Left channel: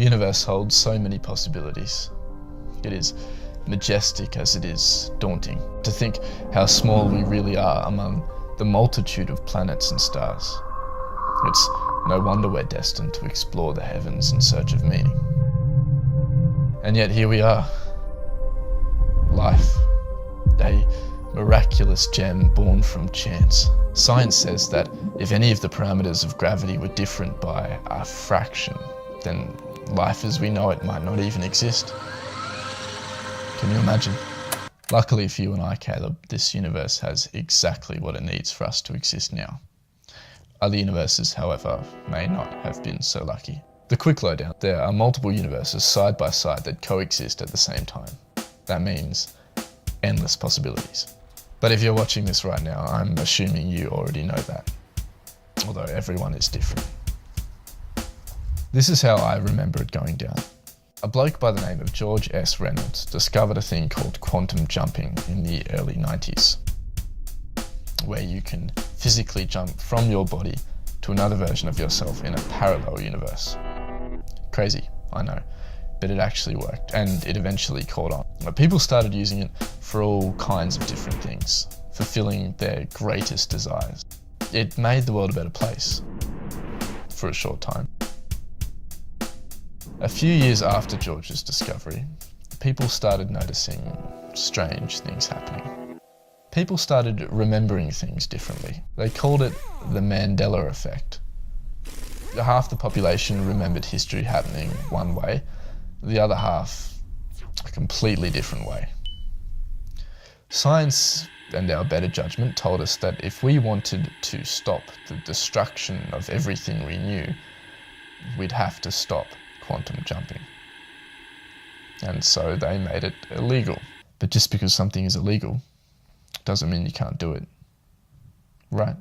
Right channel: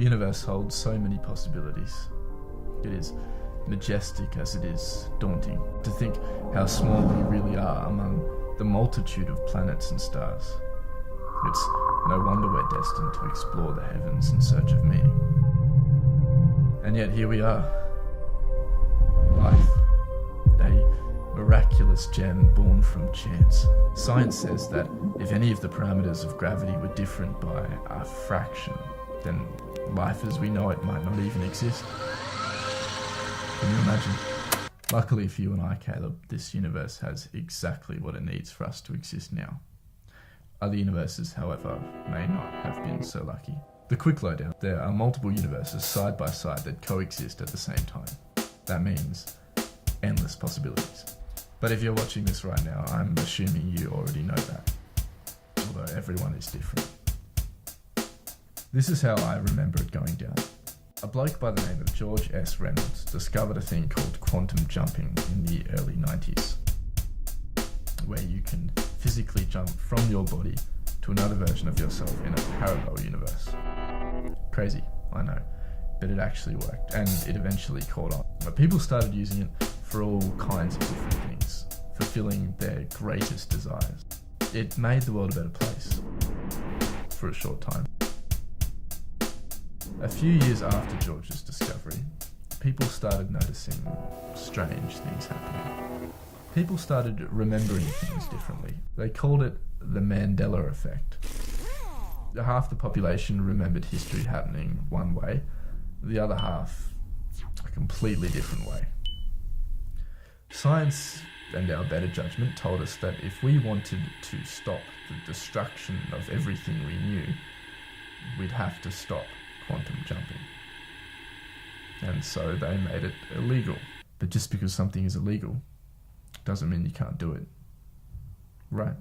The universe holds so many possibilities. It is majestic as it is daunting. To think how small we really are among the multitude of planets and stars. It's no wonder we're destined to explore the heavens in search of meaning. And yet here we are. Life. A miraculous gem born from chance. Science says that if any of the parameters of gravity were different by a fraction, then life as we know it might not even exist. Can you imagine? Luckily for you and I, Caleb, this universe has exactly what it needs for us to exist now. Other universes, however, may not have been so lucky. The quick lowdown: there are multiple universes side by side that coexist at the same time. That means endless possibilities. But if you're watching this right now, I'm assuming you already know that, although everyone is different. This is how I remember it going down. A bloke by the name of George S. Reynolds discovered a thing called quantum jumping in the early 90s, where you can physically jump from your body to another version of yourself in a parallel universe. Crazy, I know, but it actually worked, and it eventually caught on. But people started using it for all kinds of different things, fulfilling their greatest desires. It made the world a better place, for a short time. A few years after George's discovery, people started noticing strange things happening. People started remembering things differently. They called it the Mandela effect. Half the population remembered history happening one way, the other half a completely different way. Science and our better judgment told us that if we wanted to stop the destruction of everything we knew, we'd have to stop quantum jumping. And so they made it illegal. But just because something is illegal doesn't mean you can't do it. Right?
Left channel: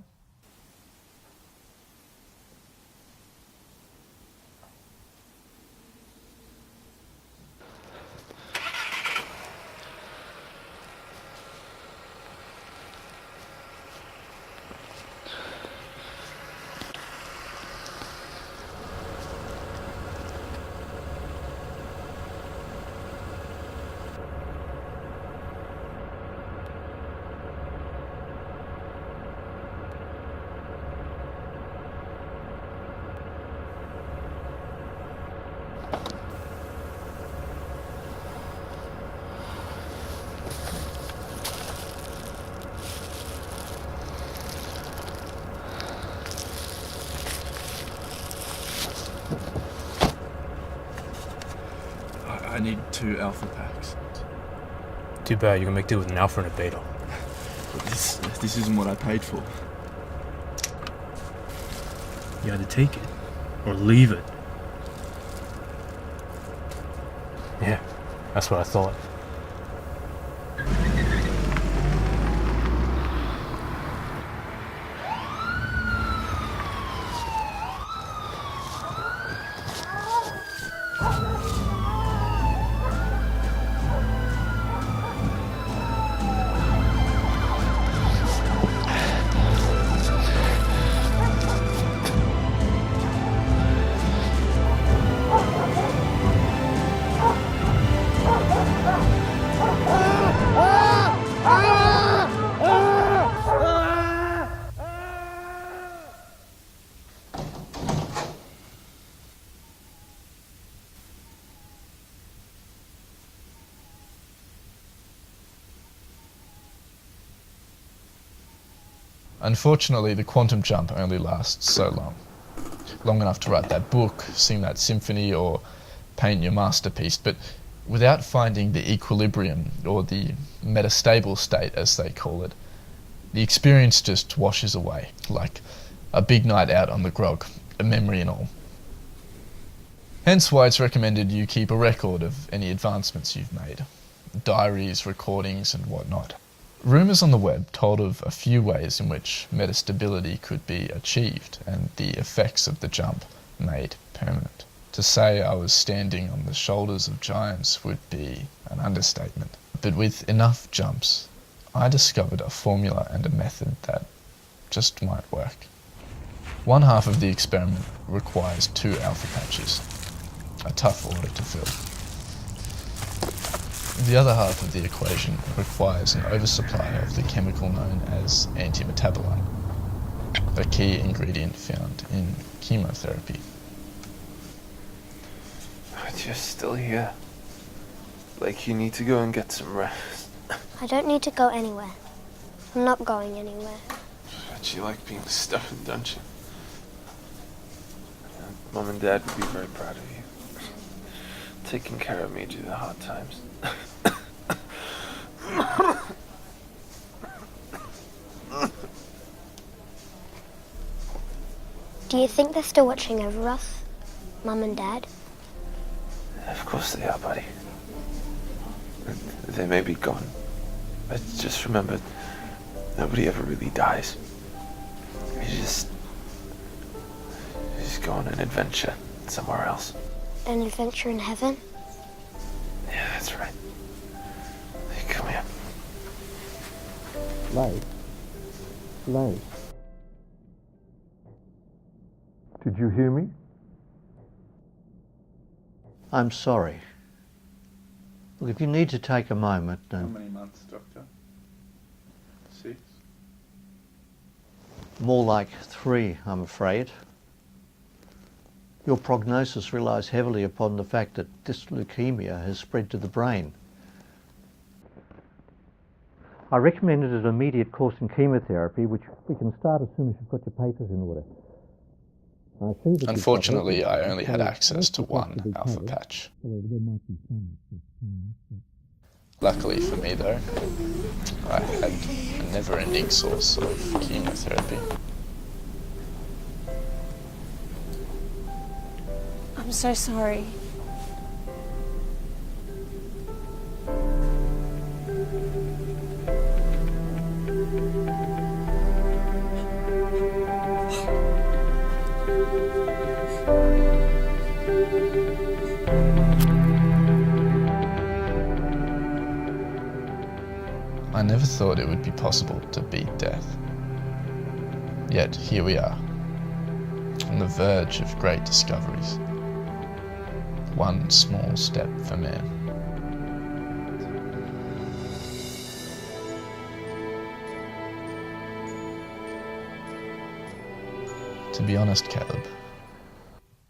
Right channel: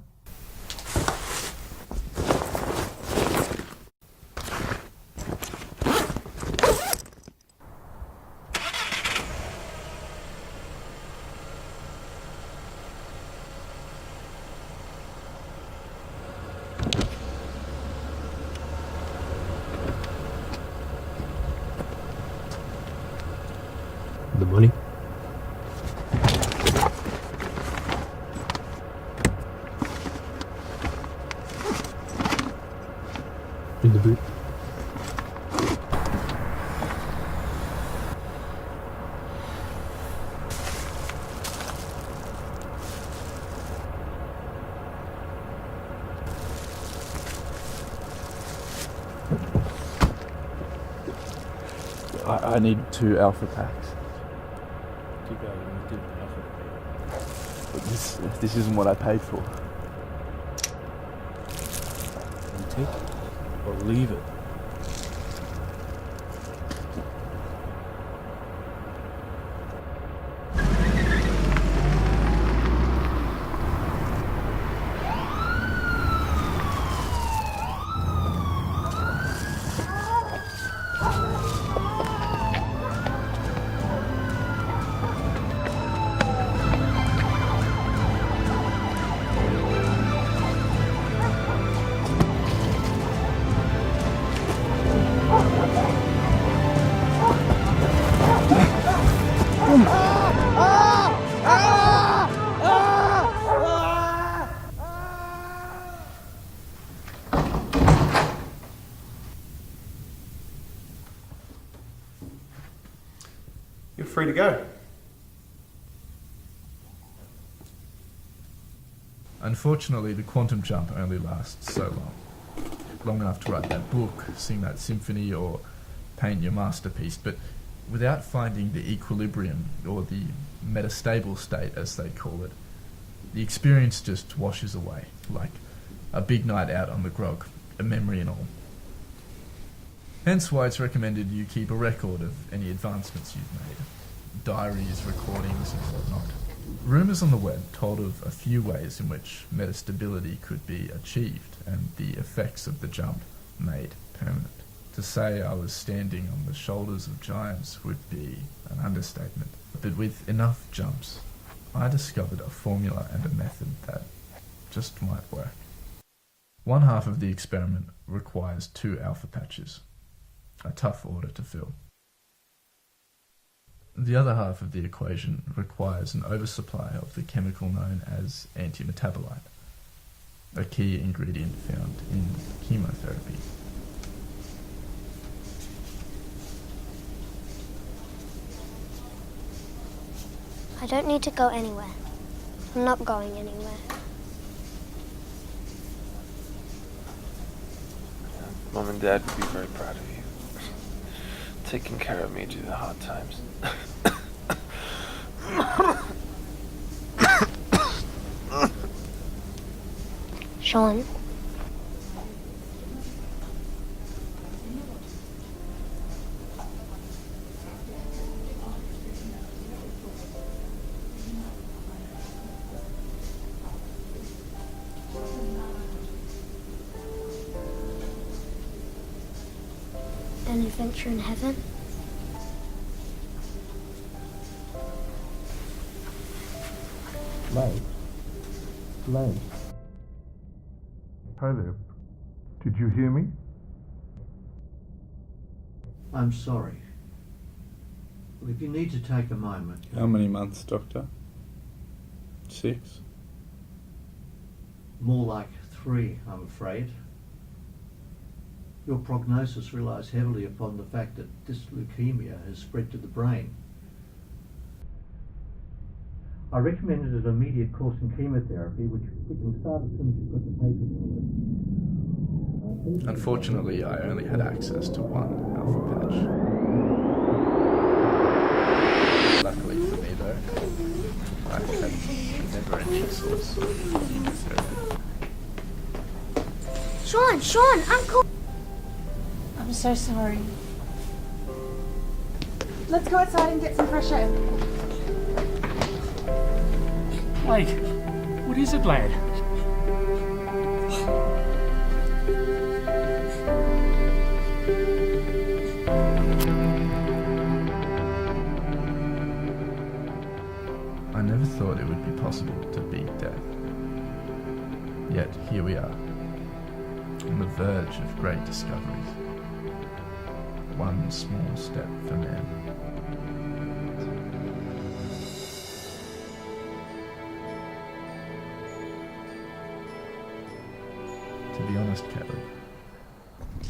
The money? In the boot. I need 2 alpha packs. Too bad you're gonna make do with an alpha and a beta. But this isn't what I paid for. You gotta take it or leave it. Yeah, that's what I thought. You're free to go. Unfortunately, the quantum jump only lasts so long. Long enough to write that book, sing that symphony, or paint your masterpiece, but without finding the equilibrium, or the metastable state as they call it, the experience just washes away, like a big night out on the grog, a memory and all. Hence why it's recommended you keep a record of any advancements you've made, diaries, recordings and whatnot. Rumours on the web told of a few ways in which metastability could be achieved and the effects of the jump made permanent. To say I was standing on the shoulders of giants would be an understatement. But with enough jumps, I discovered a formula and a method that just might work. One half of the experiment requires 2 alpha patches, a tough order to fill. The other half of the equation requires an oversupply of the chemical known as antimetabolite, a key ingredient found in chemotherapy. You're still here. Like you need to go and get some rest. I don't need to go anywhere. I'm not going anywhere. But you like being stuffed, don't you? Mom and Dad would be very proud of you. Taking care of me through the hard times. Sean, do you think they're still watching over us? Mum and Dad? Of course they are, buddy. They may be gone, but just remember, nobody ever really dies. You just go on an adventure somewhere else. An adventure in heaven? Yeah, that's right. Hey, come here. Hello. Hi there. Did you hear me? I'm sorry. Look, if you need to take a moment... How many months, Doctor? 6? More like 3, I'm afraid. Your prognosis relies heavily upon the fact that this leukemia has spread to the brain. I recommended an immediate course in chemotherapy, which we can start as soon as you've got your papers in order. Unfortunately, I only had access to one alpha patch. Luckily for me though, I had a never-ending source of chemotherapy. Sean, Uncle! I'm so sorry. Let's go outside and get some fresh air. Like, what is it, lad? I never thought it would be possible to beat death. Yet here we are, on the verge of great discoveries. One small step for man. To be honest, Caleb,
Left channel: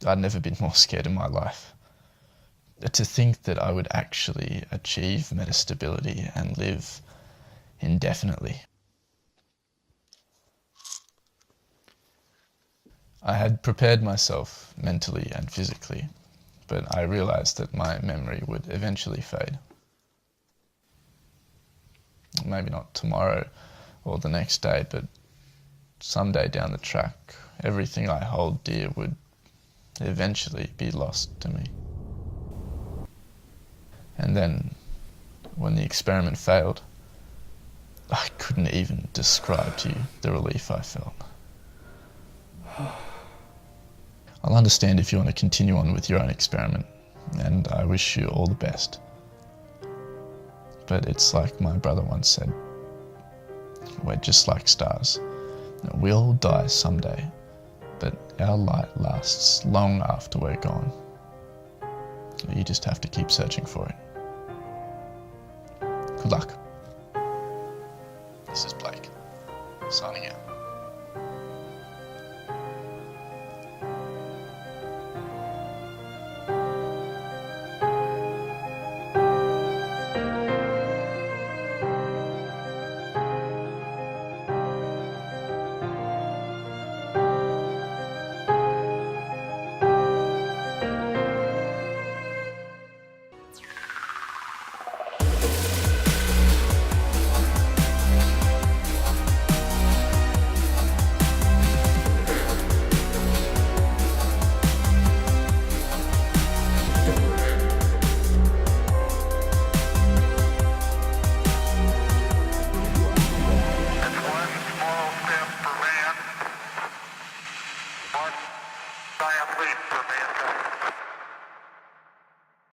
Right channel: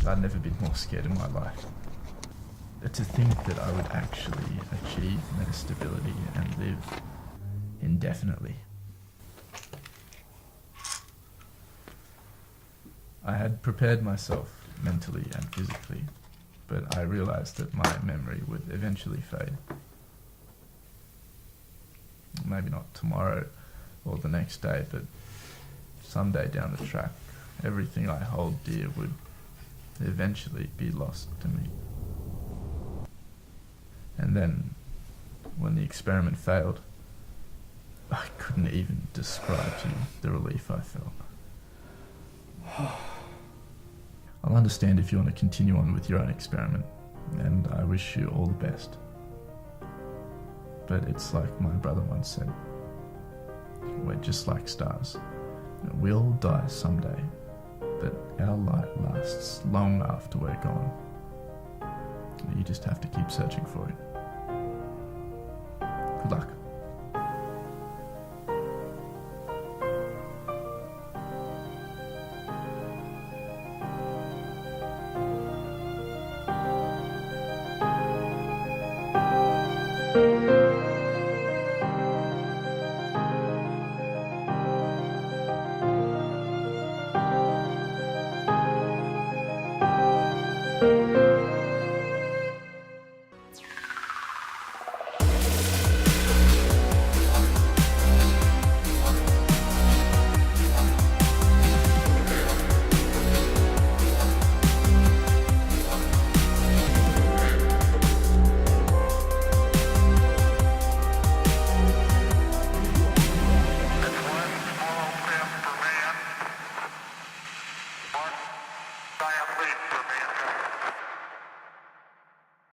I'd never been more scared in my life. To think that I would actually achieve metastability and live indefinitely. I had prepared myself mentally and physically, but I realized that my memory would eventually fade. Maybe not tomorrow or the next day, but someday down the track, everything I hold dear would eventually be lost to me. And then, when the experiment failed, I couldn't even describe to you the relief I felt. I'll understand if you want to continue on with your own experiment, and I wish you all the best. But it's like my brother once said, we're just like stars. We all die someday, but our light lasts long after we're gone. You just have to keep searching for it. Good luck. This is Blake, signing out.